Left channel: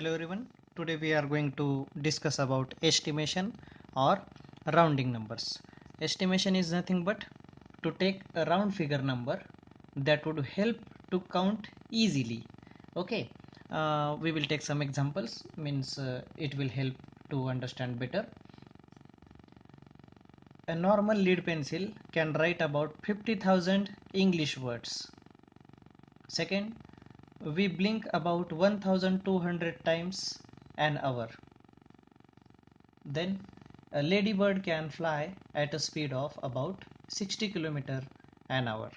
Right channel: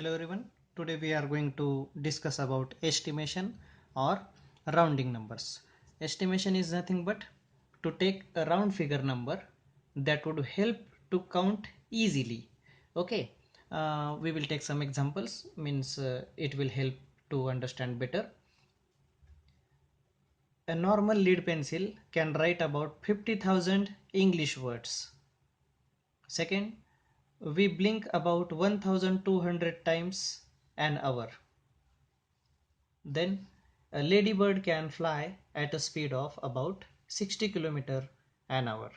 Hello everyone. Today we are going to discuss about estimation or rounding numbers. Estimation is nothing but to take a round figure number that would help to count easily. Okay. We will take some examples, means it will help to understand better. A normal lead pencil can write about 50,000 English words. Second, we blink about 1200 times an hour. Then a ladybird can fly at a speed of about 60 km an hour.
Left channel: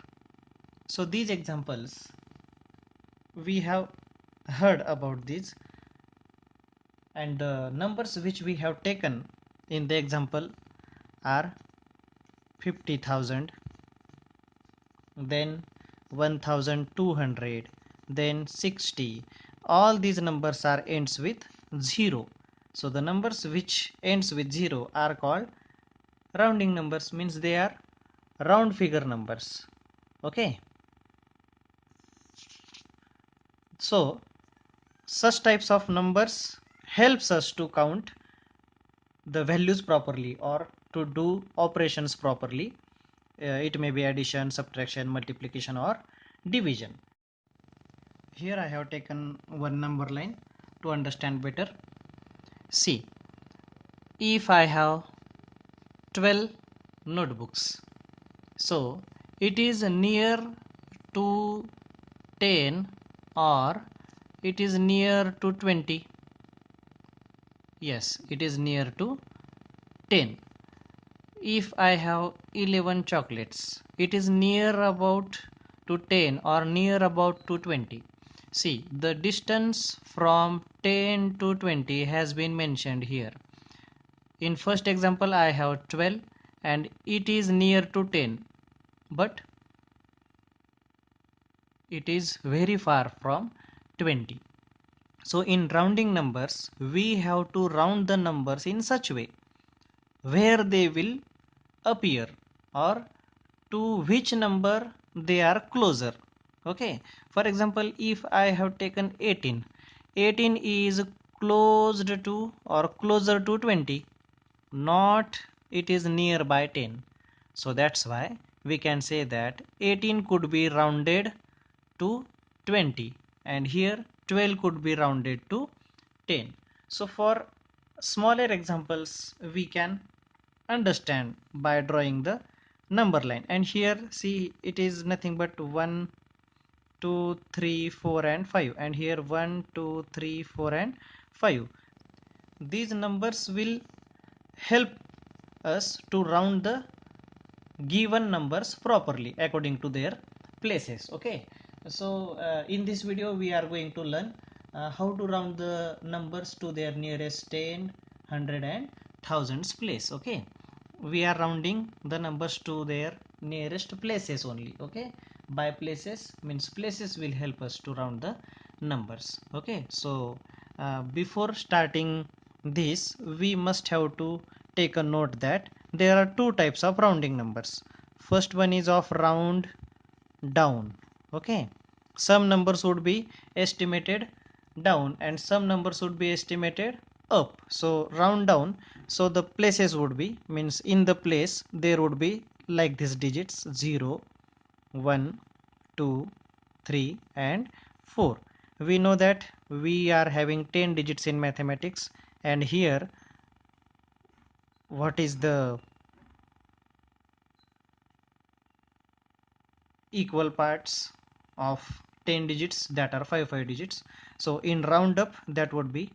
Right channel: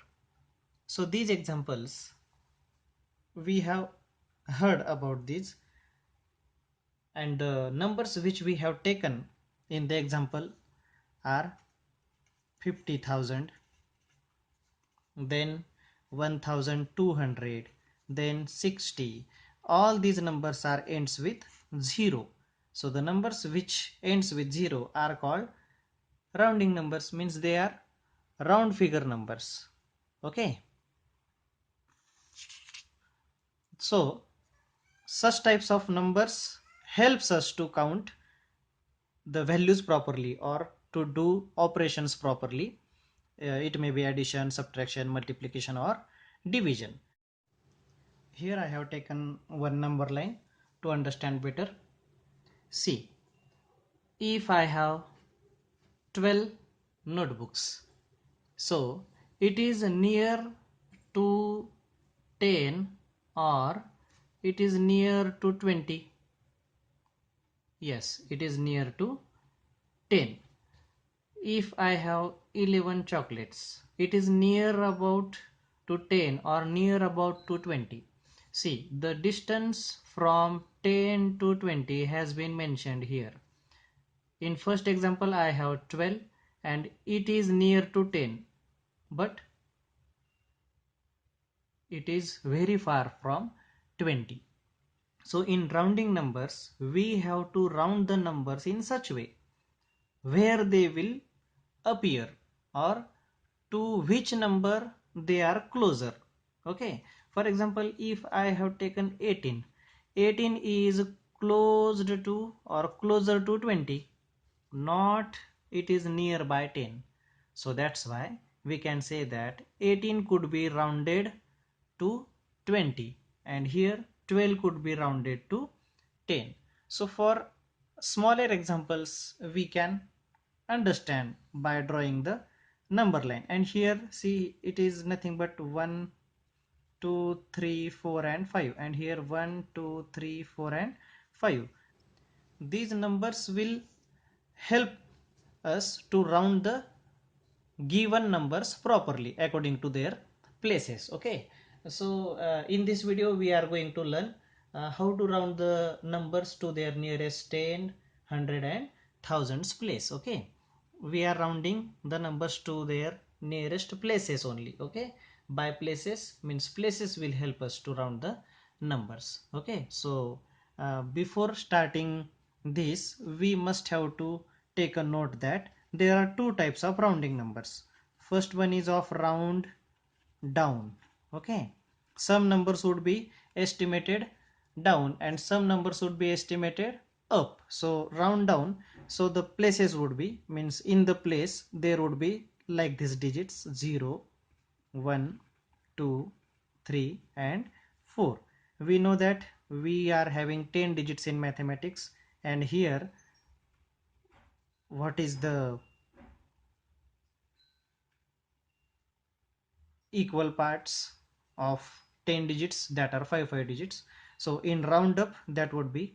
So these examples we have heard about these, and the numbers which we have taken in the example are 50,000, then 1200, then 60. All these numbers are ends with 0. So the numbers which ends with 0 are called rounding numbers, means they are round figure numbers. Okay. So such types of numbers helps us to count the values properly or to do operations properly. It may be addition, subtraction, multiplication or division. Here I have taken one number line to understand better. See, if I have 12 notebooks, so it is near to 10 or it is near to 20. Yes, it is near to 10. If I have 11 chocolates, it is near about to 10 or near about to 20. See, the distance from 10 to 20 has been mentioned here. In first example I have 12 and it is near to 10, but it is very far from 20. So in rounding numbers we have to round the numbers in such way where they will appear or to which number they are closer. Okay, for example, if I have taken 18, 18 is closed to or closer to 20, not it is nearby 10. So that's why we can say that 18 could be rounded to 20 and here 12 could be rounded to 10. So for smaller examples we can understand by drawing the number line, and here see it is nothing but 1 2 3 4 and 5, and here 1 2 3 4 and 5. These numbers will help us to round the given numbers properly according to their places. Okay, so in this video we are going to learn how to round the numbers to their nearest 10, 100 and thousands place. Okay, we are rounding the numbers to their nearest places only. Okay, by places means places will help us to round the numbers. Okay, so before starting this we must have to take a note that there are two types of rounding numbers. First one is of round down. Okay, some numbers would be estimated down and some numbers would be estimated up. So round down, so the places would be, means in the place there would be like these digits 0 1 2 3 and 4. We know that we are having 10 digits in mathematics, and here what is the equal parts of 10 digits, that are 5 digits. So in round up that would be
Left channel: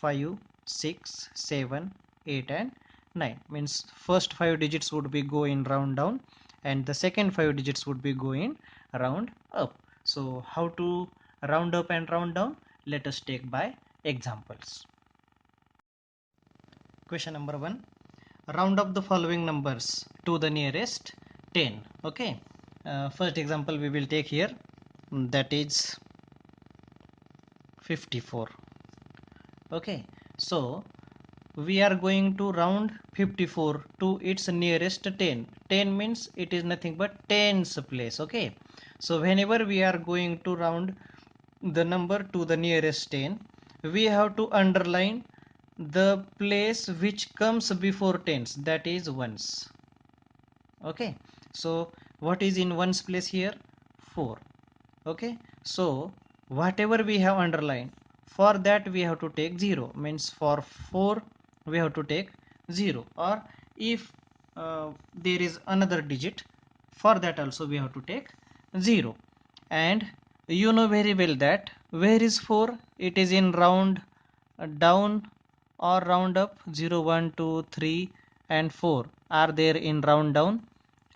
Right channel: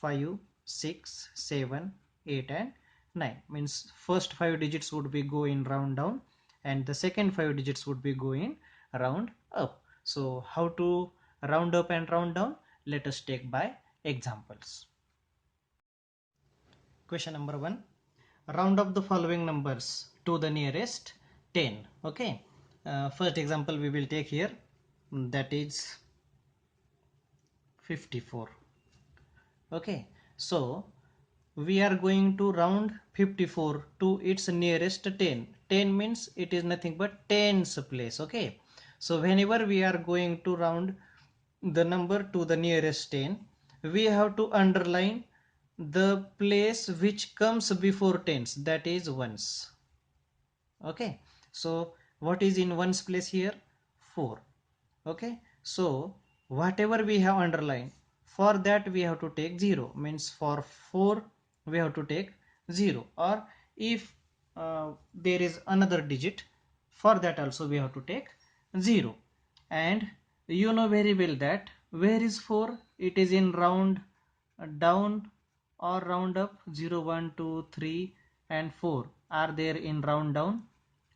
5 6 7 8 and 9, means first 5 digits would be go in round down and the second 5 digits would be go in round up. So how to round up and round down, let us take by examples. Question number 1, round up the following numbers to the nearest 10. Okay, first example we will take here, that is 54. Okay, so we are going to round 54 to its nearest 10. 10 means it is nothing but tens place. Okay, so whenever we are going to round the number to the nearest 10, we have to underline the place which comes before tens, that is ones. Okay, so what is in ones place here? 4. Okay, so whatever we have underlined, for that we have to take 0, means for 4 we have to take 0, or if there is another digit, for that also we have to take 0. And you know very well that where is 4? It is in round down or round up. 0, 1, 2, 3 and 4 are there in round down,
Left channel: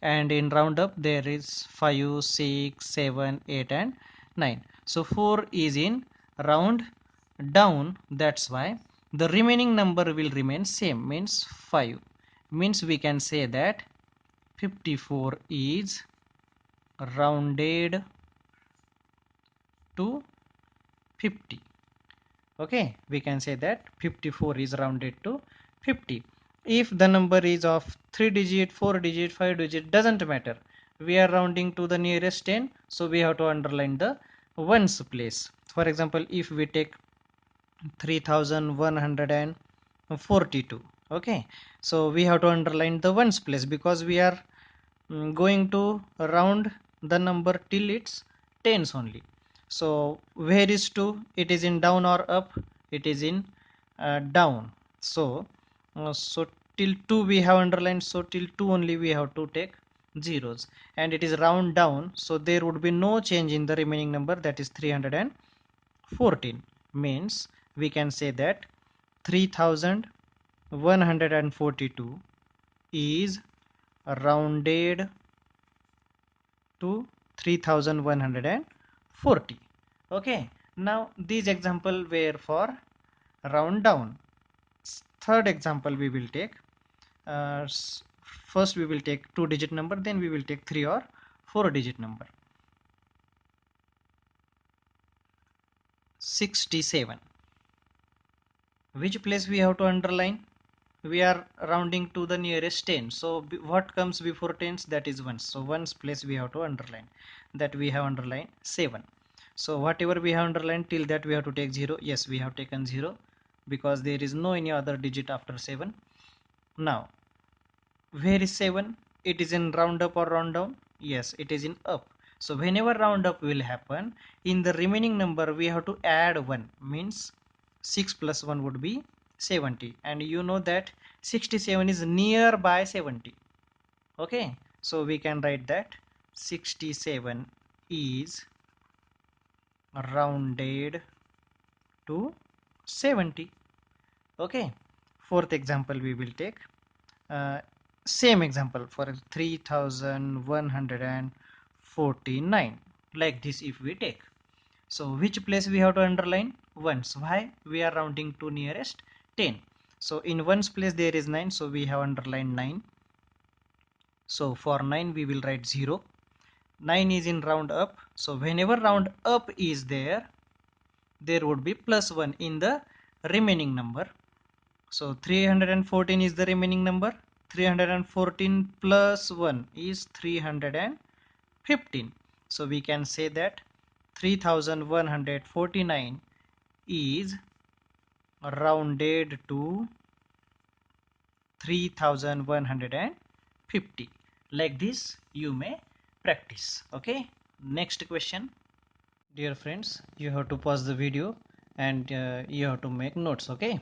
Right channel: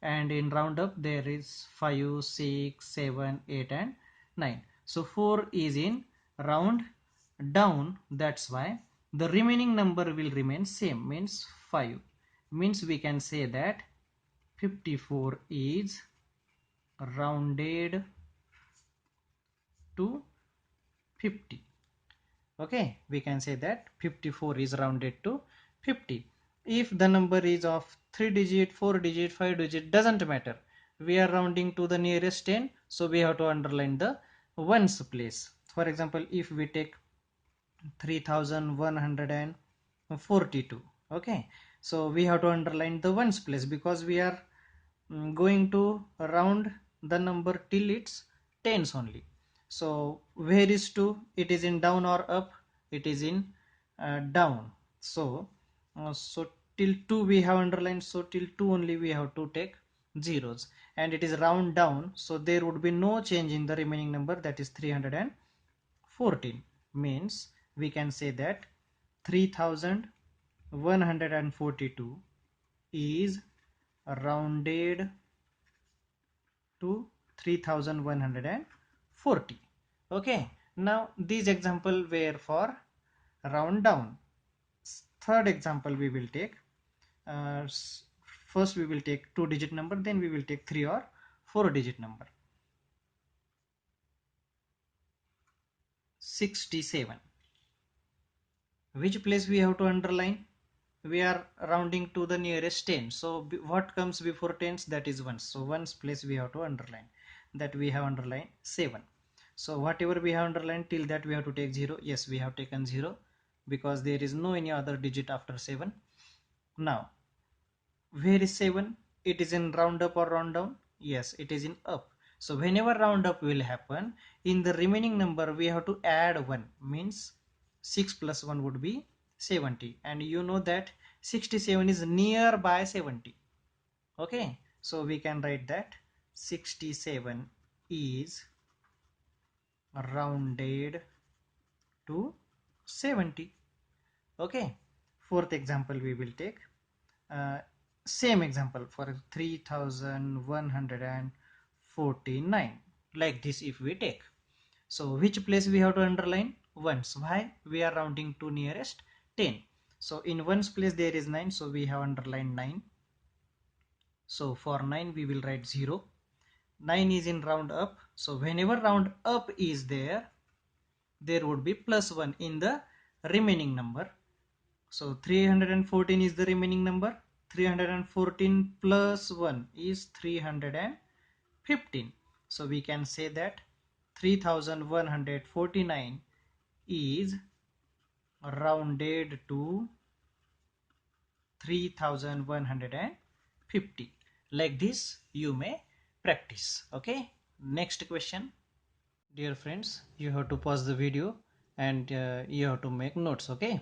and in round up there is 5, 6, 7, 8 and 9. So 4 is in round down, that's why the remaining number will remain same, means 5. Means we can say that 54 is rounded to 50. Okay, we can say that 54 is rounded to 50. If the number is of 3 digit, 4 digit, 5 digit, doesn't matter, we are rounding to the nearest 10, so we have to underline the ones place. For example, if we take 3142, okay, so we have to underline the ones place because we are going to round the number till its tens only. So where is 2? It is in down or up? It is in down. So till 2 we have underlined, so till 2 only we have to take zeros, and it is round down, so there would be no change in the remaining number, that is 314. Means we can say that 3142 is rounded to 3140. Okay, now these example were for round down. Third example we will take, first we will take 2 digit number, then we will take 3 or 4 digit number. 67, which place we have to underline? We are rounding to the nearest 10, so what comes before tens? That is ones, so ones place we have to underline, that we have underlined 7. So whatever we have underlined till that we have to take 0. Yes, we have taken 0 because there is no any other digit after 7. Now where is 7? It is in round up or round down? Yes, it is in up. So whenever round up will happen, in the remaining number we have to add 1, means 6 plus 1 would be 70, and you know that 67 is nearby 70. Okay, so we can write that 67 is rounded to 70. Okay, fourth example we will take, uh, same example for 3149, like this if we take. So which place we have to underline? Ones. Why? We are rounding to nearest 10. So in ones place there is 9, so we have underlined 9. So for 9 we will write 0. 9 is in round up, so whenever round up is there, there would be plus 1 in the remaining number. So 314 is the remaining number. 314 plus 1 is 315. So we can say that 3149 is rounded to 3150. Like this you may practice. Okay, next question. Dear friends, you have to pause the video and you have to make notes. Okay,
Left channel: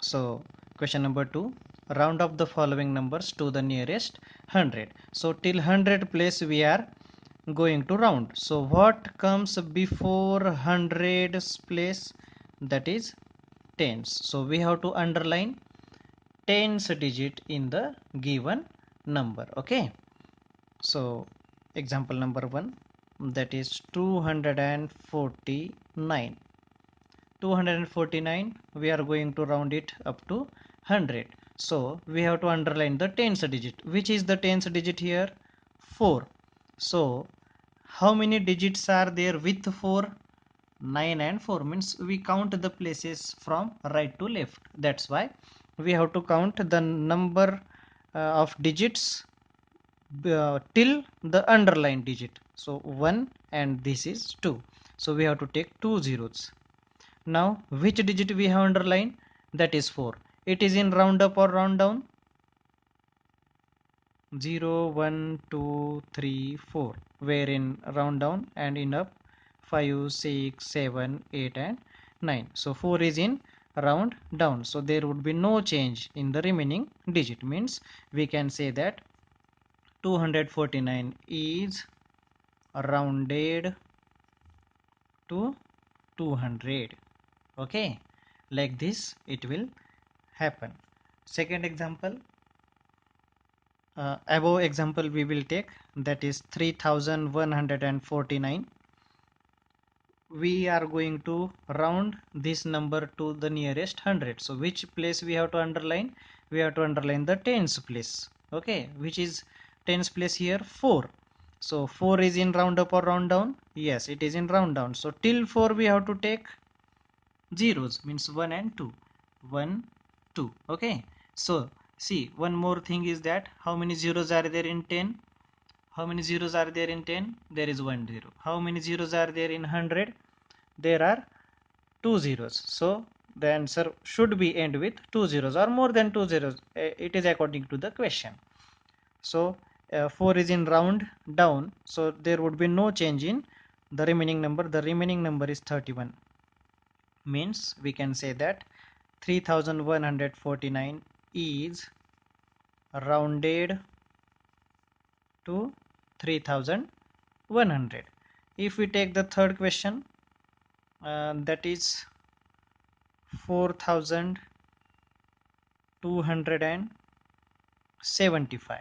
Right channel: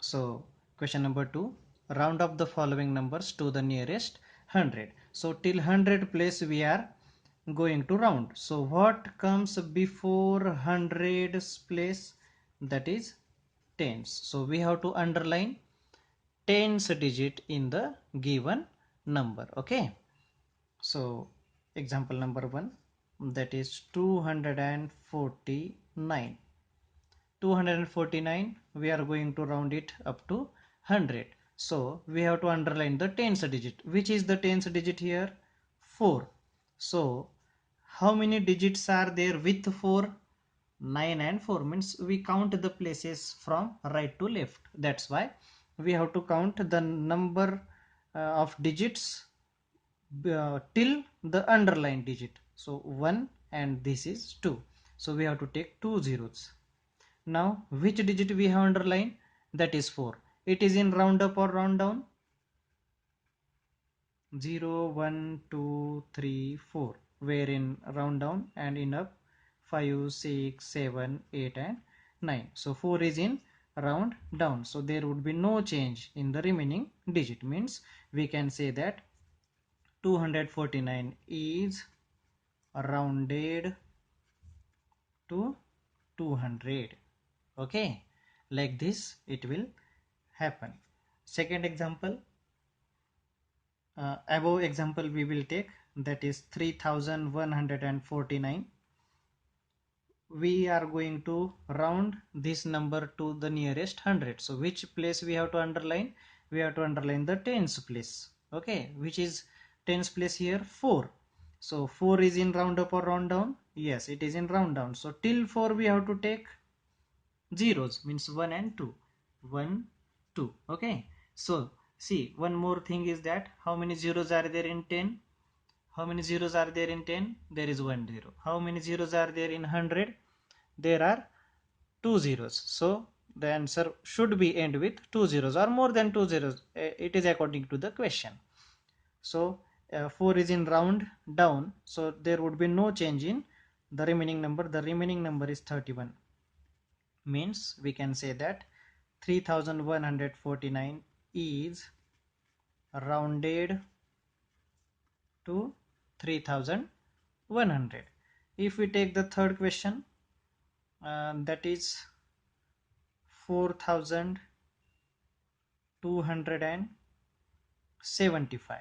so question number 2, round up the following numbers to the nearest 100. So till 100 place we are going to round. So what comes before 100's place? That is tens. So we have to underline tens digit in the given number. Okay, so example number 1, that is 249. 249 we are going to round it up to 100, so we have to underline the tens digit. Which is the tens digit here? 4. So how many digits are there with 4? 9 and 4, means we count the places from right to left. That's why we have to count the number of digits till the underlined digit. So 1 and this is 2, so we have to take 2 zeros. Now which digit we have underlined? That is 4. It is in round up or round down? 0, 1, 2, 3, 4. Where in round down and in up 5, 6, 7, 8 and 9. So 4 is in round down. So there would be no change in the remaining digit. Means we can say that 249 is rounded to 200. Okay, like this it will happen. Second example, above example we will take, that is 3149. We are going to round this number to the nearest 100. So which place we have to underline? We have to underline the tens place. Okay, which is tens place here? 4. So 4 is in round up or round down? Yes, it is in round down. So till 4 we have to take zeros, means 1 and 2. 1, 2. Okay, so see, one more thing is that how many zeros are there in 10? How many zeros are there in 10? There is 1 0. How many zeros are there in 100? There are 2 zeros. So the answer should be end with 2 zeros or more than 2 zeros. It is according to the question. So 4 is in round down. So there would be no change in the remaining number. The remaining number is 31. Means we can say that 3149 is rounded to 3100. If we take the third question, that is 4275.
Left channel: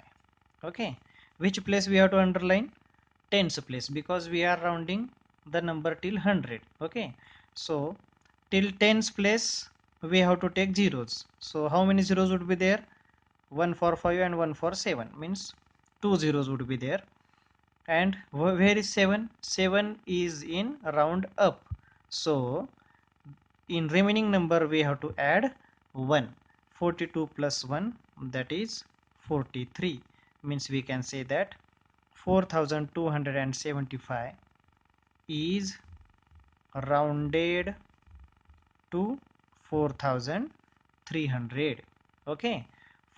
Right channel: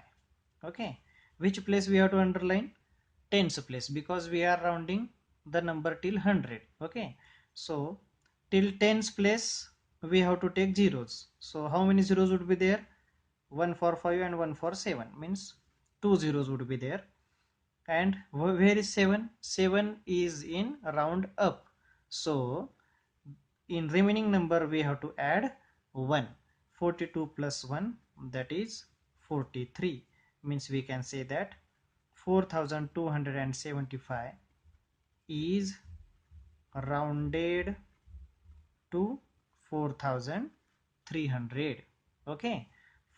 Okay, which place we have to underline? Tens place, because we are rounding the number till 100. Okay, so till tens place we have to take zeros. So how many zeros would be there? 1 for 5 and 1 for 7, means 2 zeros would be there. And where is 7? 7 is in round up. So in remaining number we have to add 1. 42 plus 1, that is 43. Means we can say that 4275 is rounded to 4300. Okay,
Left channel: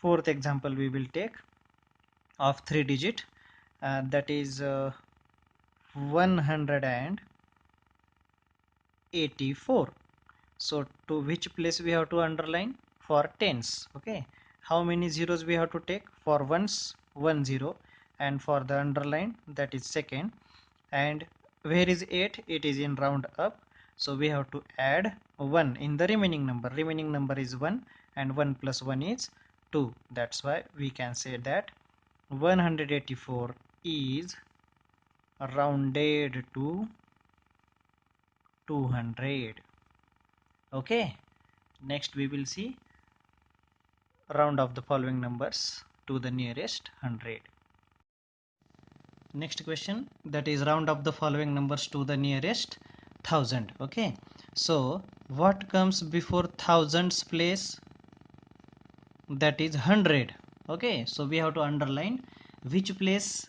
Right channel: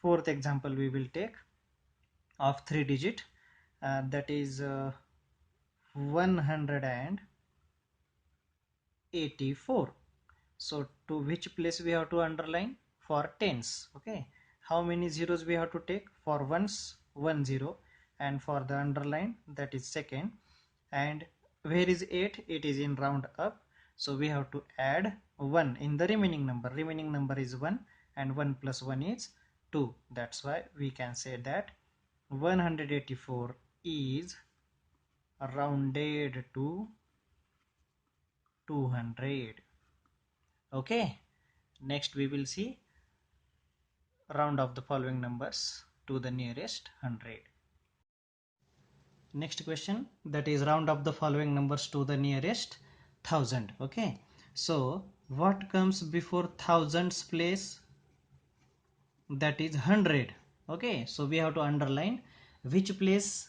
fourth example we will take of 3 digit, that is 184. So to which place we have to underline? For tens. Okay, how many zeros we have to take? For ones 1 0, and for the underline, that is second. And where is 8? It is in round up. So we have to add 1 in the remaining number. Remaining number is 1, and 1 plus 1 is 2. That's why we can say that 184 is rounded to 200. Okay, next we will see round of the following numbers to the nearest 100. Next question, that is round of the following numbers to the nearest 1000. Okay, so what comes before thousands place? That is 100. Okay, so we have to underline which place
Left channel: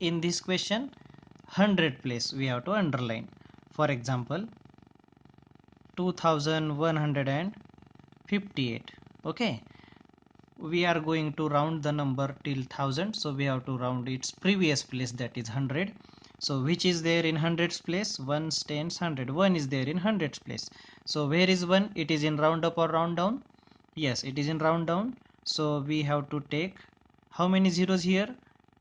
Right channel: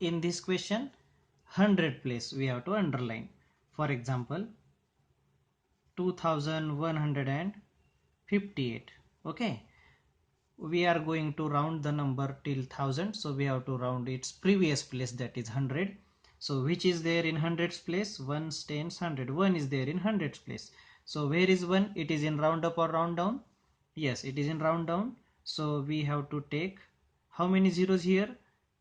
in this question? 100 place we have to underline. For example, 2158. Okay, we are going to round the number till 1000, so we have to round its previous place, that is 100. So which is there in hundreds place? 1s, 10s, 100. 1 is there in hundreds place. So where is 1? It is in round up or round down? Yes, it is in round down. So we have to take how many zeros here?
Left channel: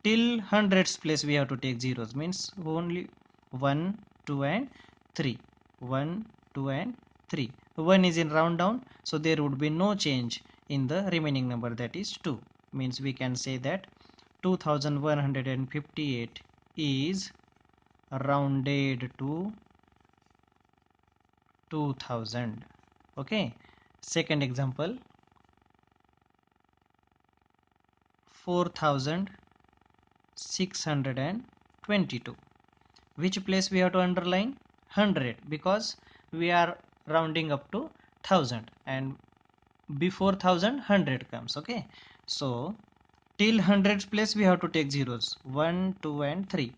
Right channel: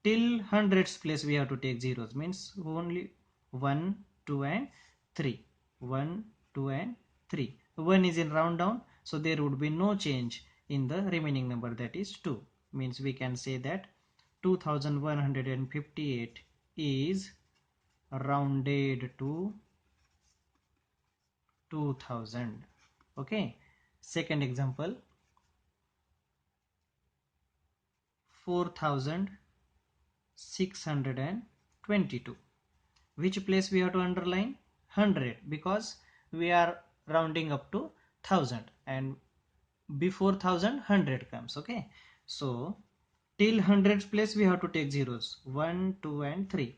Till hundreds place we have to take zeros, means only 1, 2 and 3. 1, 2 and 3. 1 is in round down, so there would be no change in the remaining number, that is 2. Means we can say that 2158 is rounded to 2000. Okay, second example, 4622. Which place we have to underline? 100, because we are rounding up to 1000, and before 1000 100 comes. Okay, so till 100 place we have to take zeros, 1, 2 and 3.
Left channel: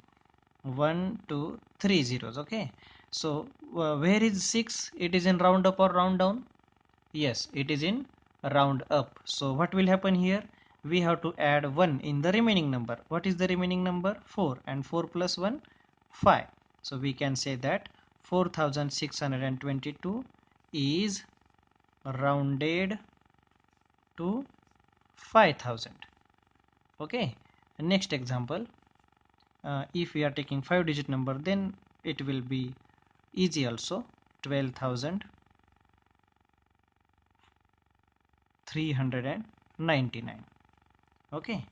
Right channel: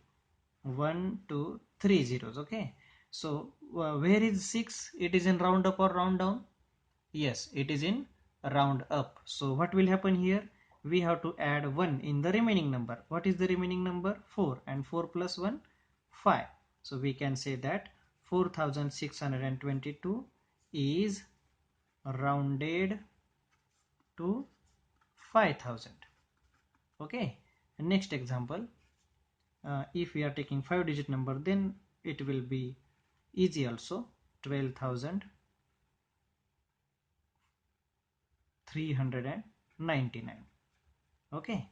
1, 2, 3 zeros. Okay, So where is 6? It is in round up or round down? Yes, it is in round up. So what will happen here? We have to add 1 in the remaining number. What is the remaining number? 4, and 4 plus 1, 5. So we can say that 4622 is rounded to 5000. Okay, next example. If we are taking 5-digit number, then it will be easy also. 12,399. Okay,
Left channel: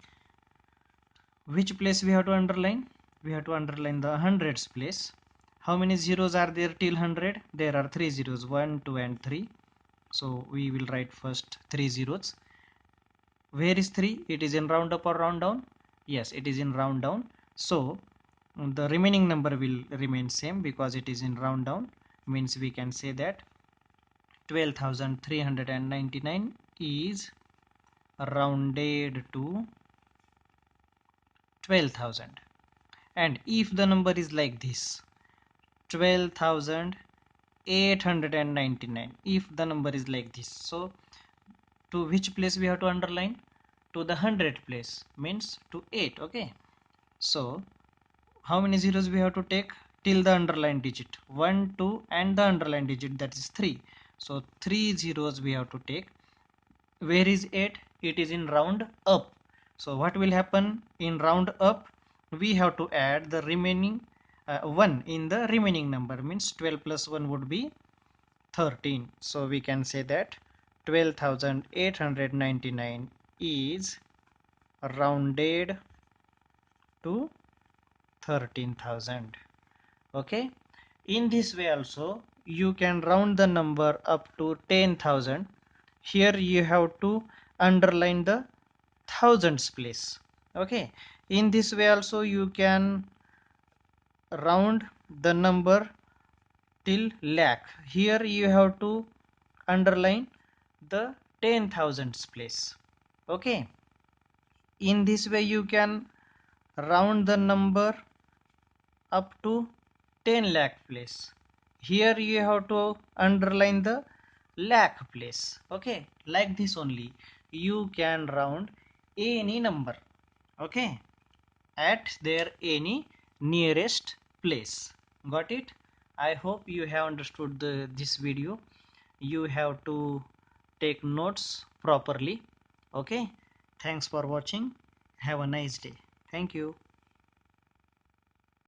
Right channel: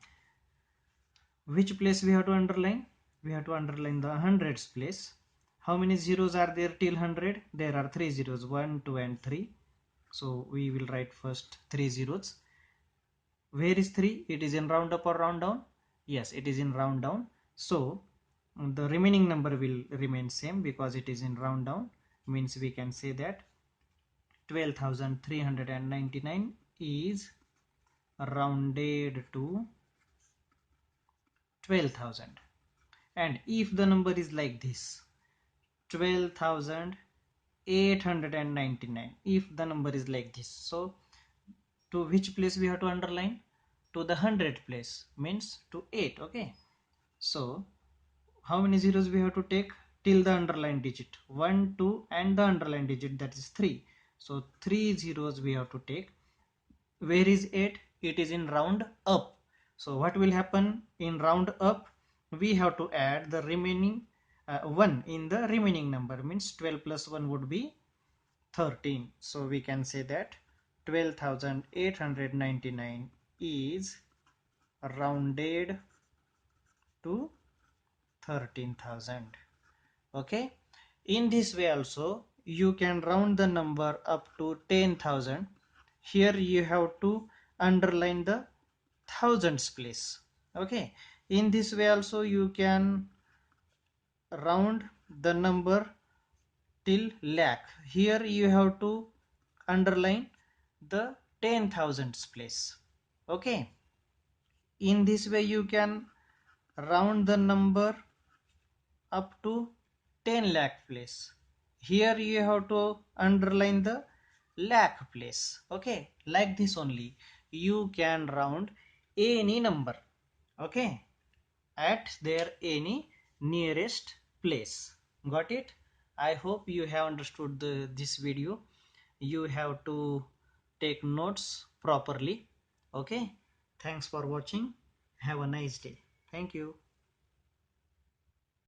which place we have to underline? We have to underline the hundreds place. How many zeros are there till 100? There are 3 zeros, 1, 2 and 3. So we will write first 3 zeros. Where is 3? It is in round up or round down? Yes, it is in round down. So the remaining number will remain same because it is in round down. Means we can say that 12,399 is rounded to 12,000. And if the number is like this, 12,899, if the number is like this, so to which place we have to underline? To the 100 place, means to 8. Okay, so how many zeros we have to take till the underlined digit? 1, 2 and the underlined digit, that is 3. So 3 zeros we have to take. Where is 8? It is in round up. So what will happen in round up? We have to add the remaining 1 in the remaining number, means 12 plus 1 would be 13. So we can say that 12,899 is rounded to 13,000. Okay, in this way also you can round the number up to 10,000. Here you have to underline the thousands place. Okay, in this way also you can round the number till lakh. Here you have to underline the 10,000s place. Okay, in this way you can round the number up to 10 lakh place. Here you have to underline the lakh place. Okay, like this only you can round any number. Okay, at their any nearest place. Got it? I hope you have understood this video. You have to take notes properly. Okay, thanks for watching. Have a nice day. Thank you.